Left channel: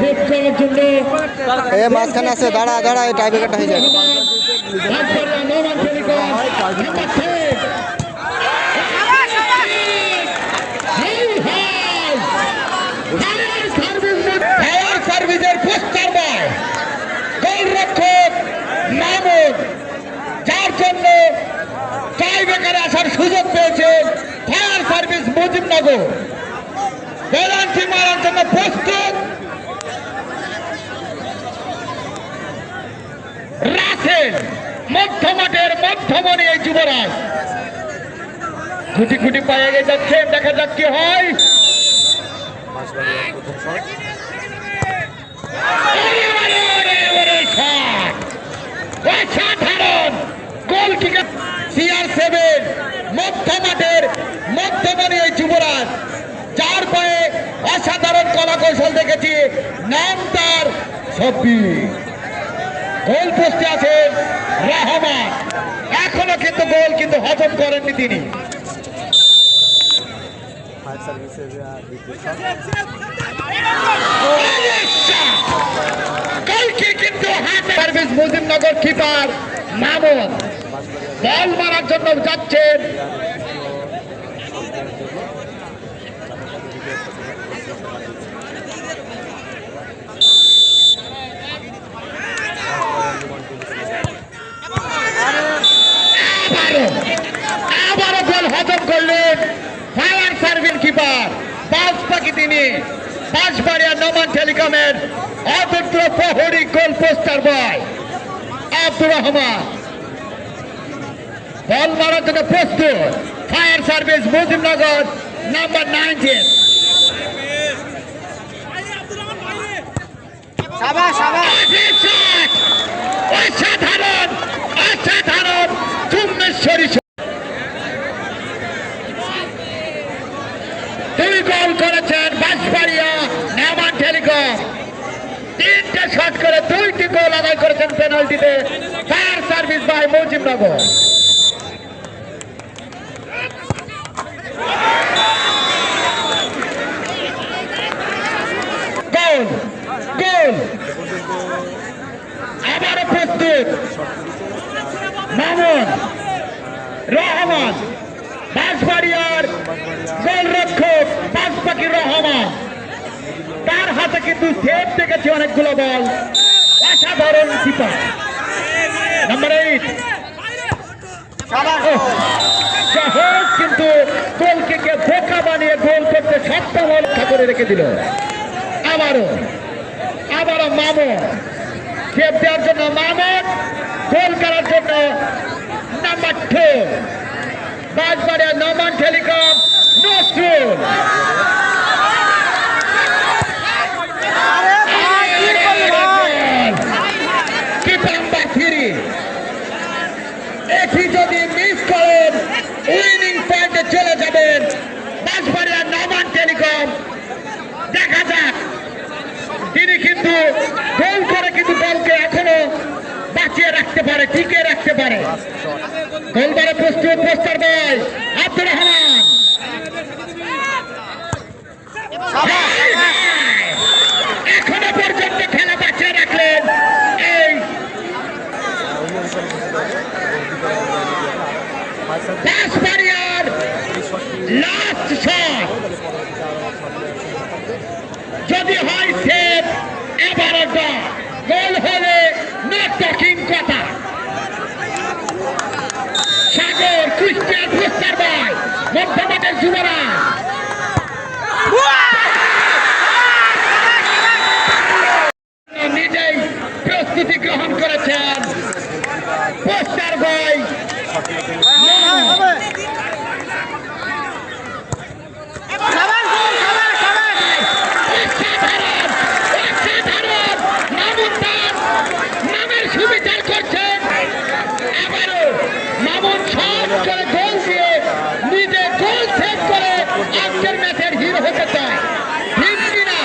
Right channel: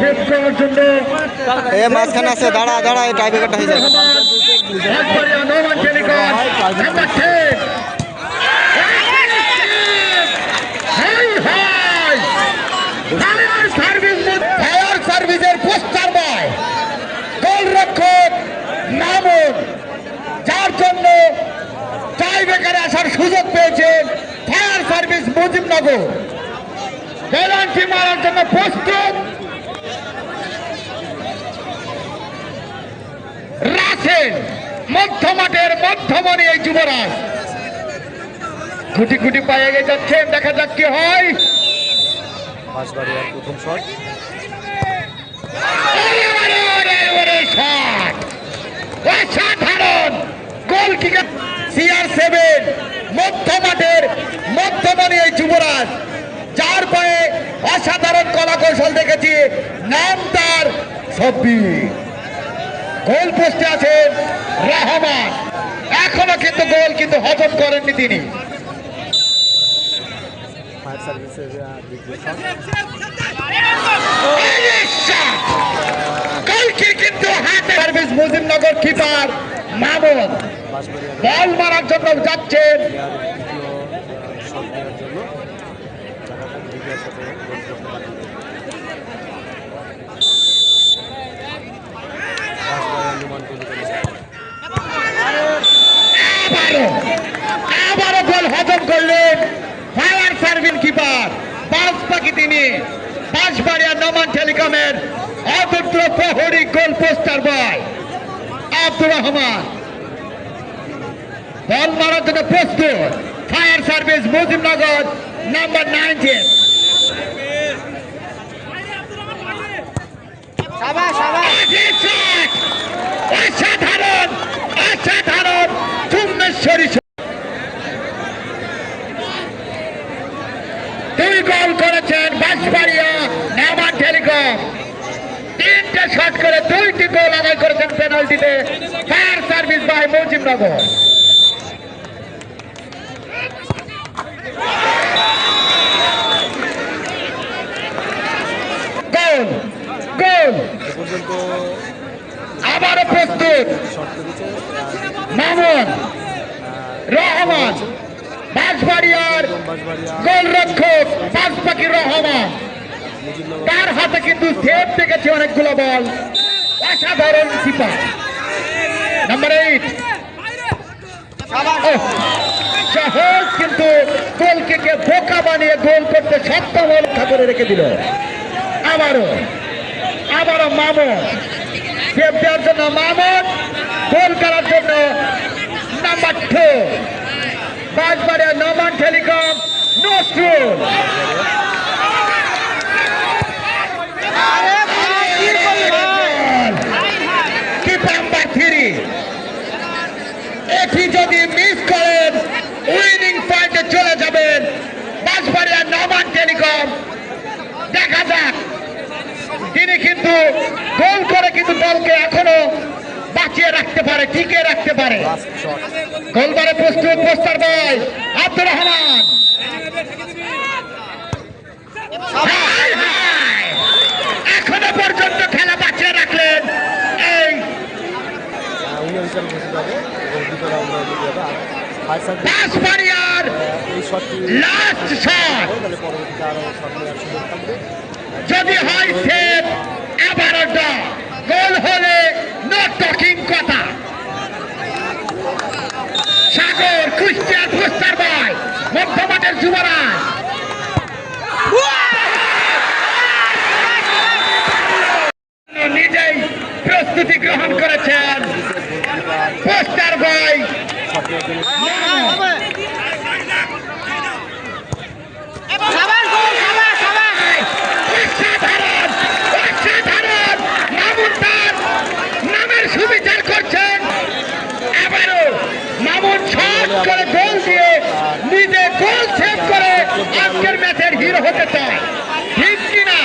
Save করার জন্য এ মাঝখানে আছে, দাঁড়া দাঁড়া, এই টাইব্রেকারটা হয়ে যায়। সার্ভিসের পোস্টার বয় গোলরক্ষক মামুন, যার জন্য টাইব্রেকারে আসার সুযোগ পেয়েছেন ফায়ার সার্ভিস মুজিবনগর। পেনাল্টি মারার জন্য প্রস্তুত রাসেল, মধ্যমাঠের মধ্যমণি এই যুবরাজ। গুটি গুটি পায়ে গিয়ে যাচ্ছেন, দেখা যাক কি হয়। অসাধারণ গোল কিকার CR7, মধ্যমাঠের মধ্যমণি এই যুবরাজ, যার পায়ে অসাধারণ কলা কৌশল দেখেছি। নাম তার সব্বির। গোল পোস্টে আছেন রহমান, এখনো কিন্তু গোল কিন্তু হজম করেননি তিনি। কিন্তু সার্ভিস মুজিবনগর কিপার মামুন বল মারার জন্য যাচ্ছেন। আবারও গোল হজম করলেন ফায়ার সার্ভিস কিপার বাস পাখি তিনি। বাঁশবাড়িয়া নোমান টেলিকমের অতন্ত্র প্রহরী গোল পোস্টার বয় আব্দুর রহমান। বল মারার জন্য প্রস্তুত ফায়ার সার্ভিস মুজিবনগর নাম্বার 19। অসাধারণ অসাধারণ চুম্বেশ্বরী। দুই গোল করেছেন বাঁশবাড়িয়া নোমান টেলিকম। 3টে শট করে 2টি গোল আদায় করেছেন পেনাল্টিতে ফায়ার সার্ভিস বাই মুজিবনগর। গোল গোল আবারও প্রস্তুত মামুন রহমান, বাঁশবাড়িয়ার গোলরক্ষক বাজপাখি রহমান, তার হাতে কিন্তু সেভ দেখেছে অনেকগুলো বল। অসাধারণ কিপার নাম্বার 8। সহজ কিন্তু গোলকে বোকা বানিয়ে গোল করতে সক্ষম রক্ষা করে রেখে দিল। আবারও মামুন সেভ দেওয়ার জন্য, মামুন গোল করার জন্য নাম্বার 2 বাঁশবাড়িয়া নোমান টেলিকম নজরুল। এটি যদি মিস করেন উইনিং পয়েন্টে চলে যাবেন বাঁশবাড়িয়া নোমান টেলিকম। দেখা যাক, তিনি কিন্তু গোল করে কিন্তু দলকে এখনো বাঁচিয়ে রাখতে পারে, টিকিয়ে রাখতে পারে। গোলবারে প্রস্তুত পোস্টার বয় আব্দুর রহমান। এখনো পর্যন্ত খেলা বাঁচিয়ে রাখলেন এই বাঁশবাড়িয়ার লাস্ট শট। যদি হয় সেভ, আবারও গোল হলে নো টকিং কথা। সাগর কুষ্টিয়া পোস্টার বয় মধ্যমাঠের যুবরাজ। নিজেই প্রস্তুতি গ্রহণ করেছেন পোস্টার বয়। নামের সুবিচার করছেন। এবারও মামুন শট করে গোল দিয়ে নিজে গোল সেভ করে আজকের ম্যাচের হিরো হতে চায়, ঠিক কিনা?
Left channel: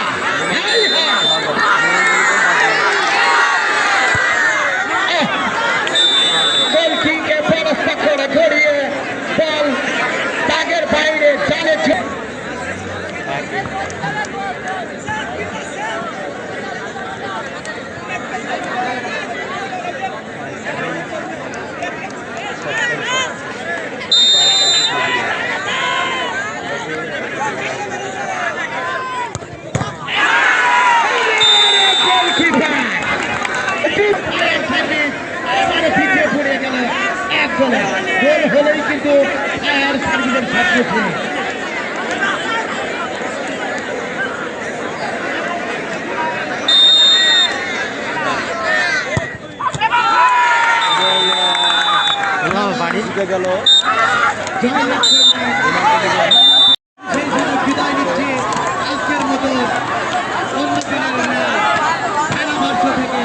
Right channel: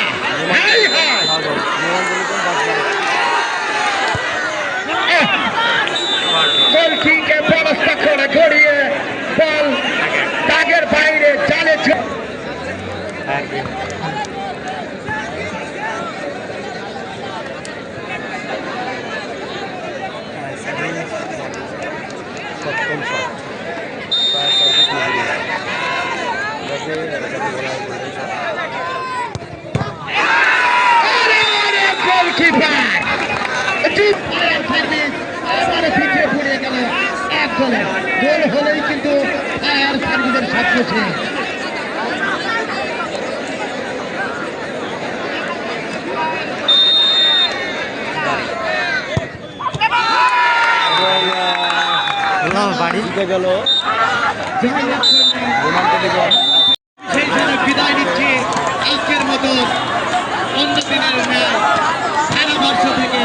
কিছু না। বাড়ি গেল জয়লাভ করলেন। সেই জন্য বিদায় নিচ্ছি আজকের মতো অন্য দিনের ম্যাচ খেলাবর্ষ থেকে।